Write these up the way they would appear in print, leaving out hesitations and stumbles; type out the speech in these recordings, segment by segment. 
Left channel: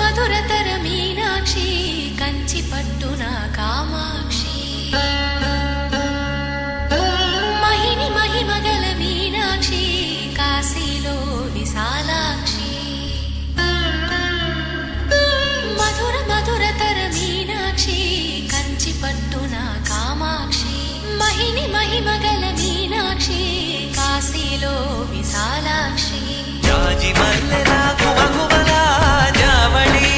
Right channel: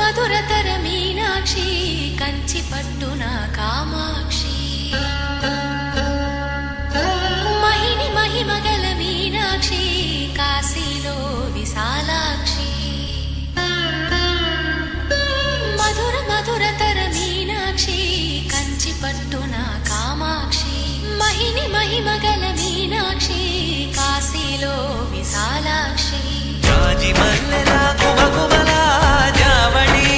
మధురతర మీనాక్షి కంచి పట్టున కామాక్షి మహిని మహిమగల మీనాక్షి కాశీలో విశాలాక్షి మధుర మధురతర మీనాక్షి కంచి పట్టున కామాక్షి మహిని మహిమగల మీనాక్షి కాశీలో విశాలాక్షి జాజి మల్లెలా ఘుమఘుమలా జావళి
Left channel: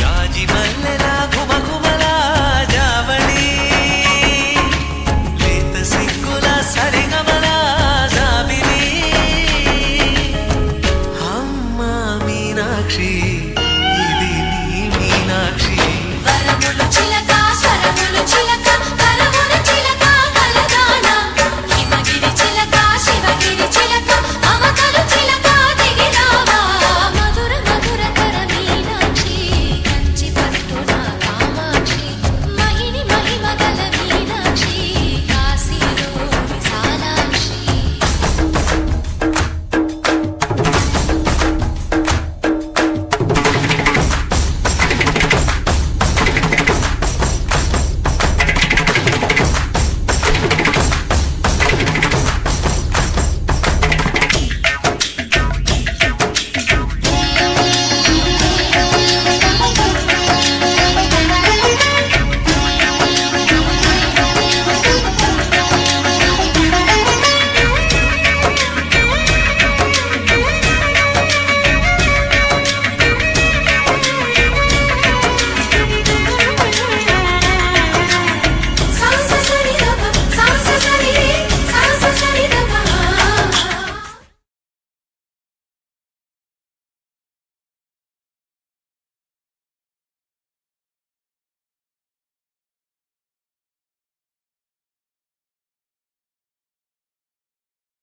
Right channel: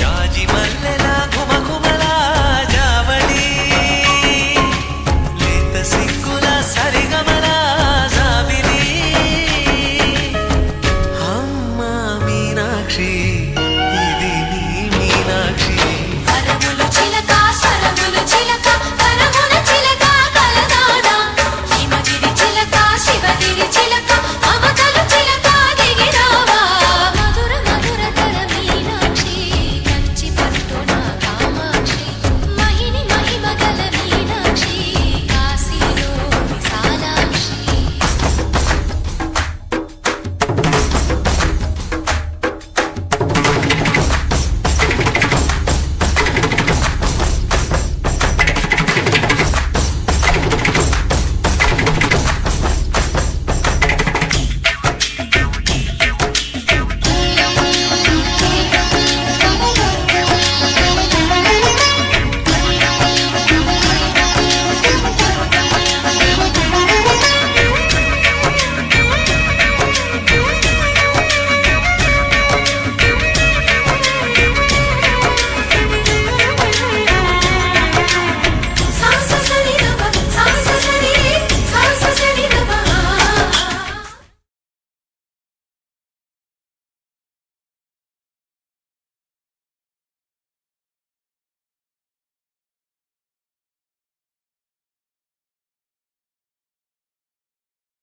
జాజి మల్లెలా ఘుమఘుమలా జావళి లేత సిగ్గుల సరిగమలా జాబిలి అమ్మ మీనాక్షి ఇది నీ మీనాక్షి